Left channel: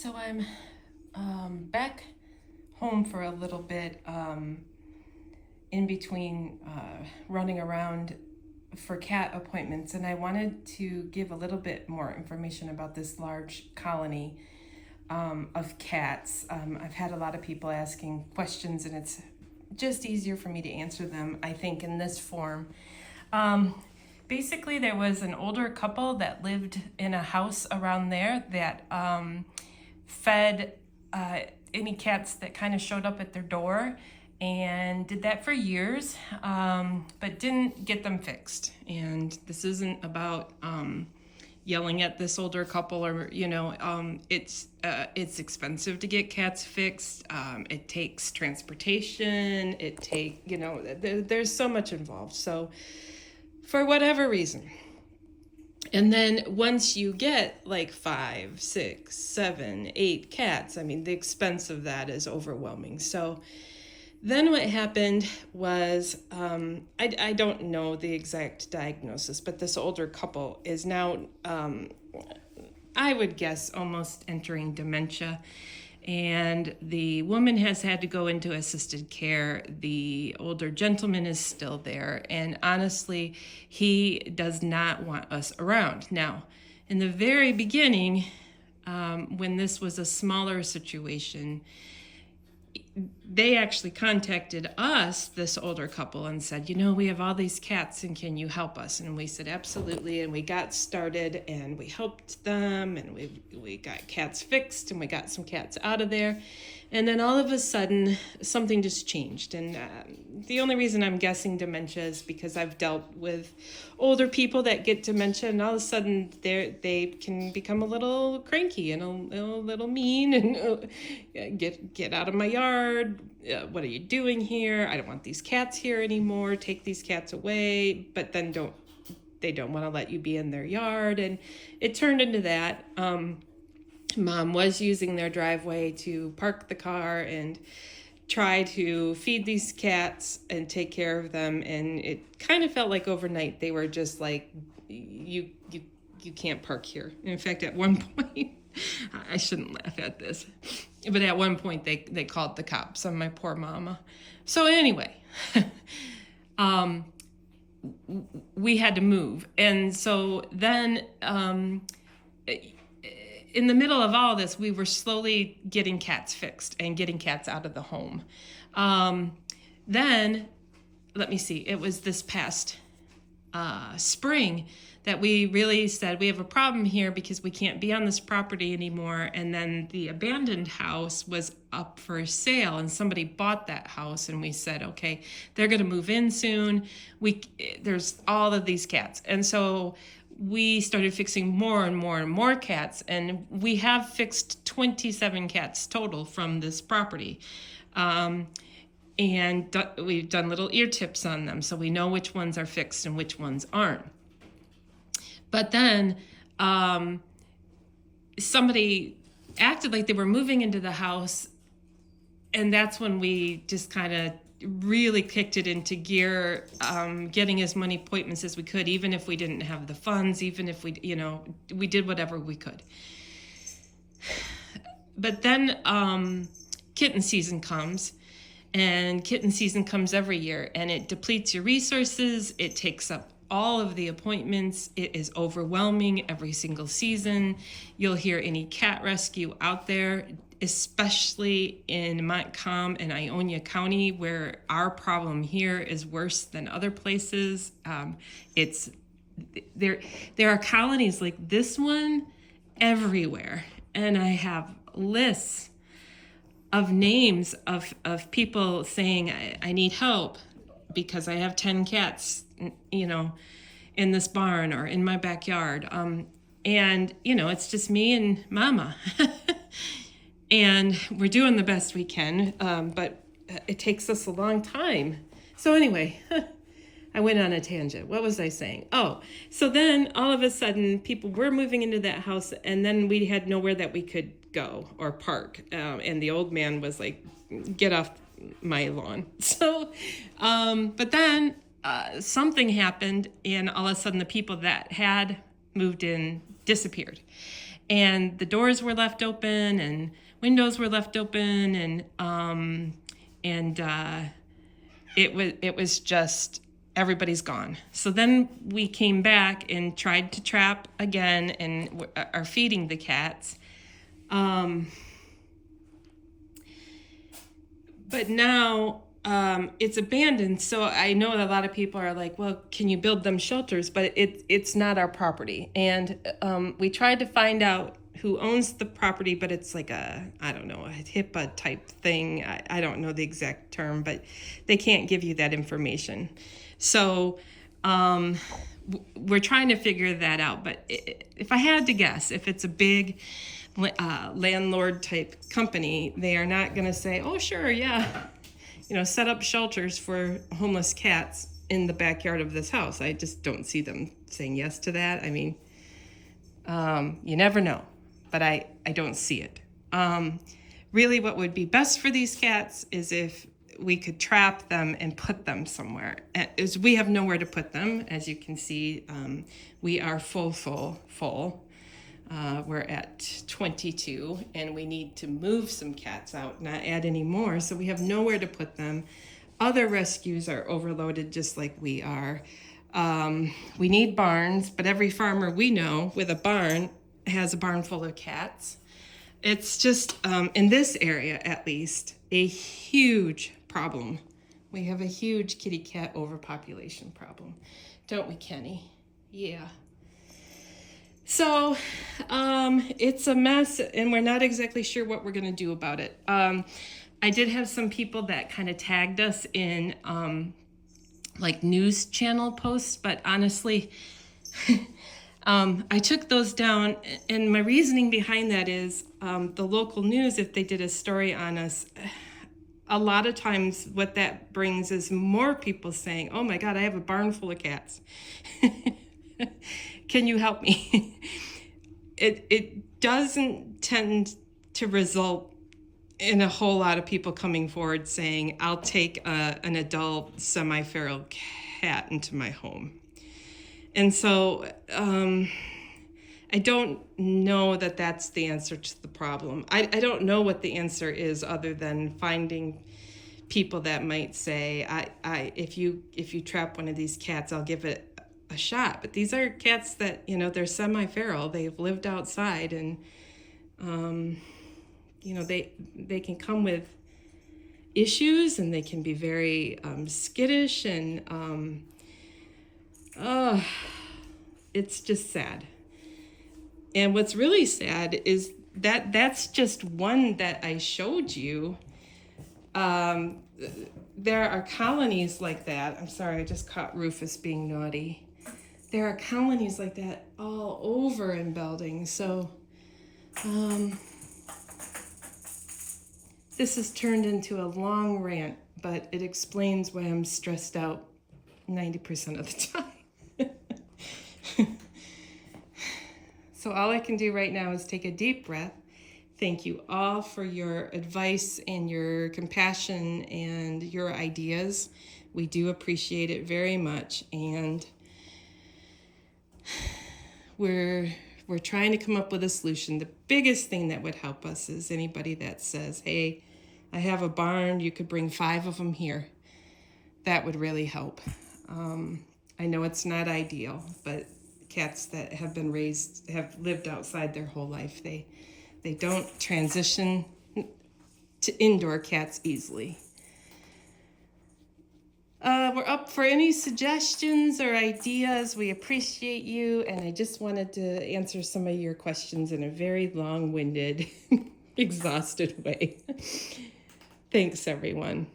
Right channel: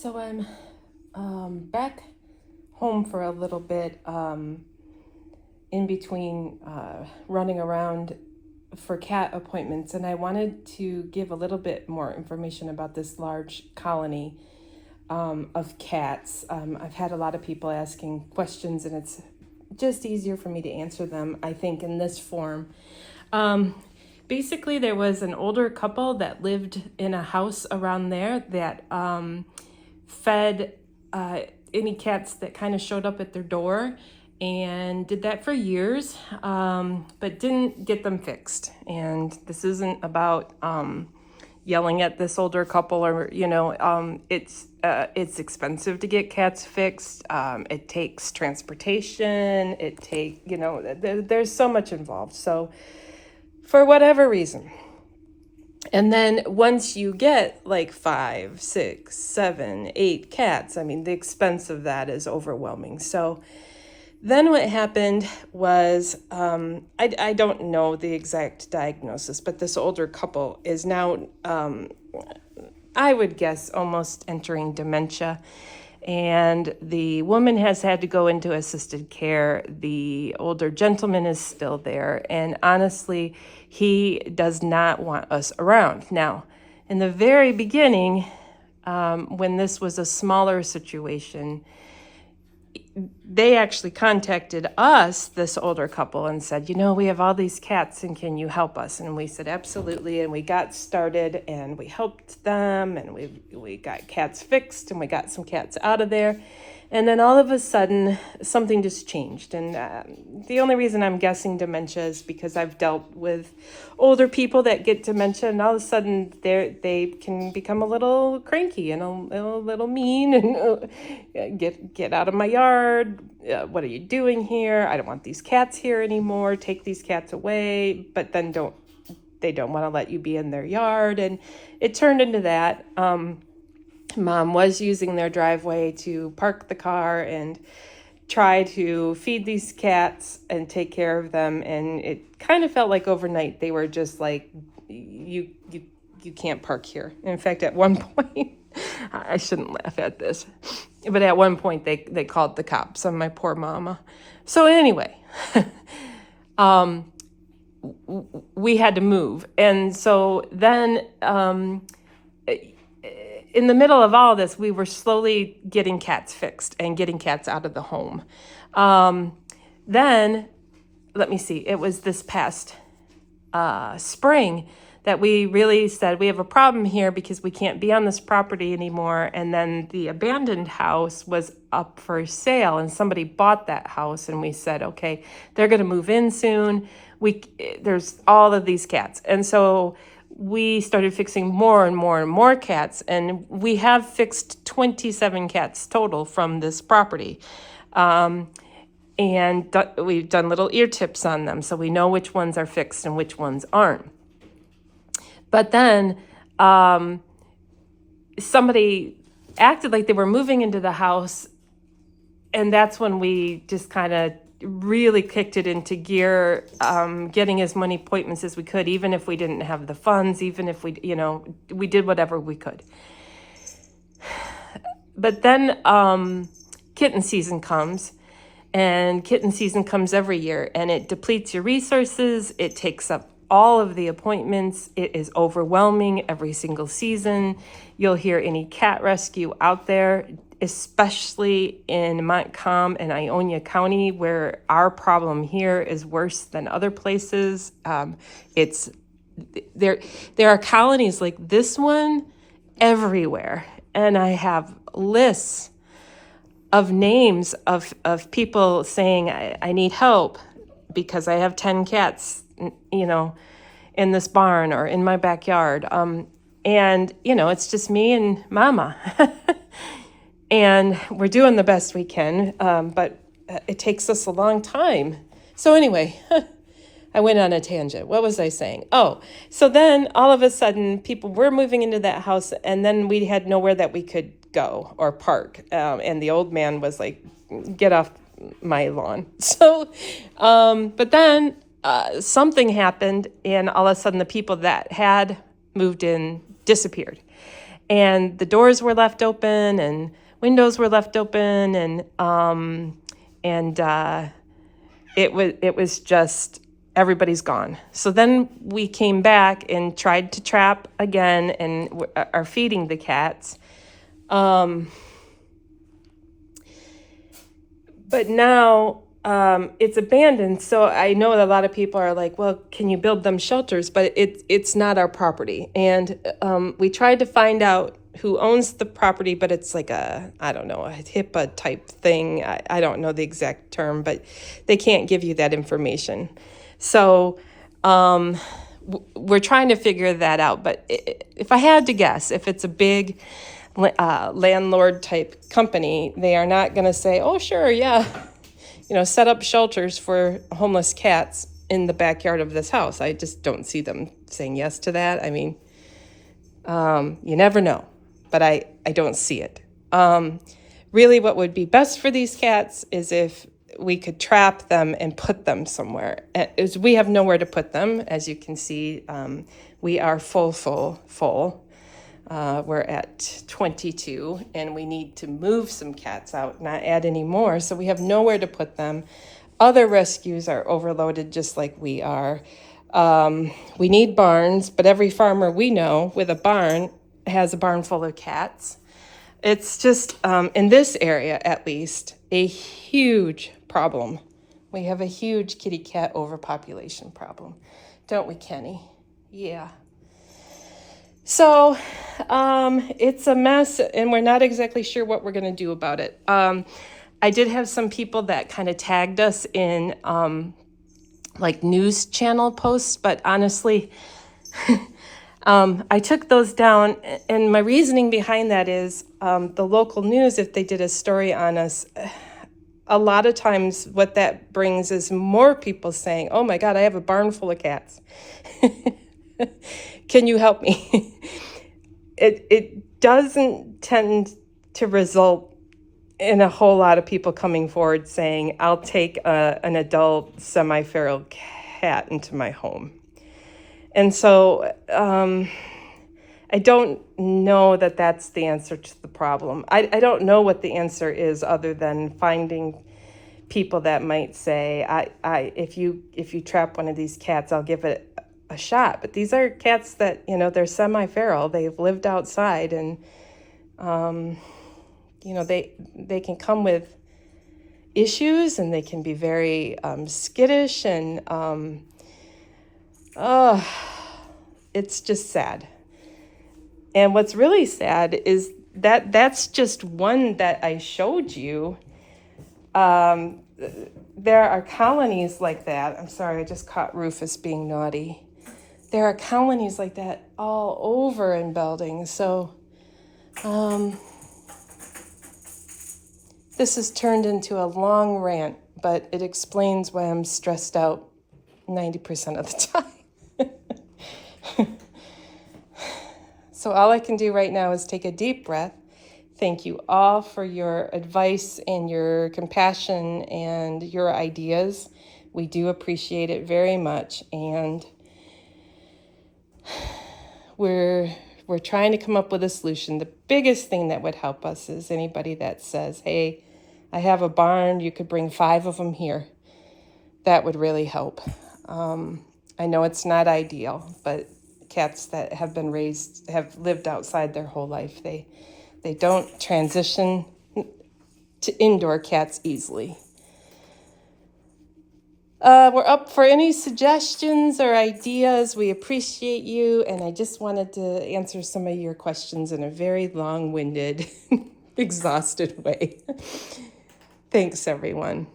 So I'm back home for a little bit in between running around for cat appointments, and I wanted to give a little bit more information about this large colony of cats. I've had a lot of people asking questions, and it's just easier for me to answer them, I think, in this form. Um, Basically, there was an older couple that lived in a house around there that fed any cats that kind of showed up at their door, and did that for years, but didn't get them fixed. And this isn't about yelling at this older couple, or it's expensive to get cats fixed. It takes transportation. There's so much involved. So for whatever reason. And then once you get like 5, 6, 7, 8 cats, I mean, the expense of that is overwhelming. So then what happened was, I don't know the exact diagnosis, but this older couple is now, I would guess, almost entering dementia. And the woman has had to go into assisted care. The older gentleman is still there. And honestly, he does not want us around. Now, in the very beginning, when this was a smaller situation, they actually contacted us, this older couple, and said, we have all these cats, and can you help us? And we said, absolutely. And we got started, and we helped them, and we got cats fixed, and we got some cats out of there. And then all of a sudden, something just changed. And the only reason I'm guessing dementia is because I've dealt with older people that get dementia, and all of a sudden they can become a little cranky and a little mean, and get out of my yard. What are you doing here? I don't want these cats here anymore. Take these cats away. But then they don't want to let you be in their yard. And it turned into that. Mom was using their driveway to park the car and try to feed these cats and take care of them. And it kind of felt like overnight they were just like, you can't park here. In fact, at one point, I shouldn't laugh at this, but at one point they called the cops on my poor mama. So anyway, we had to move. And so then, in the middle of all this, we were slowly getting cats fixed and getting cats out of the home. Then, let me see, it was this past spring that we really said, we have a problem here because we can't be on this property anymore. And then the abandoned house was up for sale, and somebody bought that house, and we said, okay, they're going to move in soon. There's all of these cats. And so we started fixing more and more and more cats, and we have fixed 27 cats total from this property. And we've done little ear tips on them, so we know which ones are fixed and which ones aren't. But then somebody acted like they were moving into the house, and that's when we just kind of really kicked it into gear, getting as many appointments as we could, even if we didn't have the funds, even if we did whatever we could. But then kitten season comes, and kitten season comes every year, and it depletes your resources. It takes up all of the appointments. It is overwhelming every single season. You'll hear any cat rescue out there, especially in Montcalm and Ionia County, where our problem here is worse than other places. There are colonies like this one everywhere, and I have lists of names of people saying, I need help because I have 10 cats, in this barn or in my backyard. And it's just me and mama. And we're doing the best we can, but it takes us a long time. So anyway, I went on a tangent. What was I saying? Oh, so then all of a sudden people were moving into that house, and then we had nowhere that we could go or park. And the old man was like, get off my lawn. So, but then something happened, and all of a sudden the people that had moved in disappeared. and the doors were left open and windows were left open, and it was just everybody's gone. So then we came back and tried to trap again and are feeding the cats. But now it's abandoned. So I know that a lot of people are like, well, can you build them shelters? But it's not our property. And we tried to find out who owns the property, but it's like I don't know, a HIPAA type thing. I don't know the exact term, but they can't give you that information. So we're trying to figure that out. But if I had to guess, if it's a big landlord type company, they are not going to say, oh, sure, yeah, set up shelters for homeless cats in the backyard of this house. I just don't see them saying yes to that. I mean, you never know, but I don't see it. Really, what would be best for these cats is if we could trap them and put them somewhere. Is we have nowhere to put them. As you can see, we are full. We're at 22, and we need to move some cats out, not add any more. So we have nowhere to put them. Other rescues are overloaded just like we are. We need barns, but every farmer we know with a barn has a barn full of cats. It's just, in this area at least, a huge problem. We have a huge kitty cat overpopulation problem. Don't we, Kenny? Yeah. So it's a mess, and we're not exactly sure what we're going to do about it. I did have some people that kind of tagged us in like news channel posts, but honestly, I took those down, and my reasoning behind that is the local news, if they did a story on us, a lot of times what that brings is more people saying, oh my God, I have a barn full of cats. Can you help me? It doesn't tend to result in a whole lot of people coming forward saying, I'll take an adult semi-feral cat into my home. And so I don't know that that's the answer to the problem. I don't know what the answer is other than finding people that might say, if you trap one of these cats, I'll give it a shot. But these are cats that, they're semi-feral. They've lived outside, and they can come with issues, and they can be very skittish, and it's just sad. And what's really sad is that that's just one that I showed you. There are colonies like that. I'm sorry, I just caught Rufus being naughty. There are colonies like that all over in Belding. So this has turned into a long rant, but it explains why I'm stressed out 90% of the time. So all I can do right now is take a deep breath. Thank you all for your advice and your compassion and your ideas. We do appreciate it very much. And we're trying to come up with a solution. The biggest thing that would help us is anybody that says, hey, I have a barn, you could bring 5 of them here. That would really help. I know it's not ideal, but cats that have been raised, have lived outside their whole life, they don't transition to indoor cats easily. We're up for any suggestions or ideas. We appreciate you, and I just wanted to answer some of your questions in a very long-winded, exhausted way. Thanks, everyone.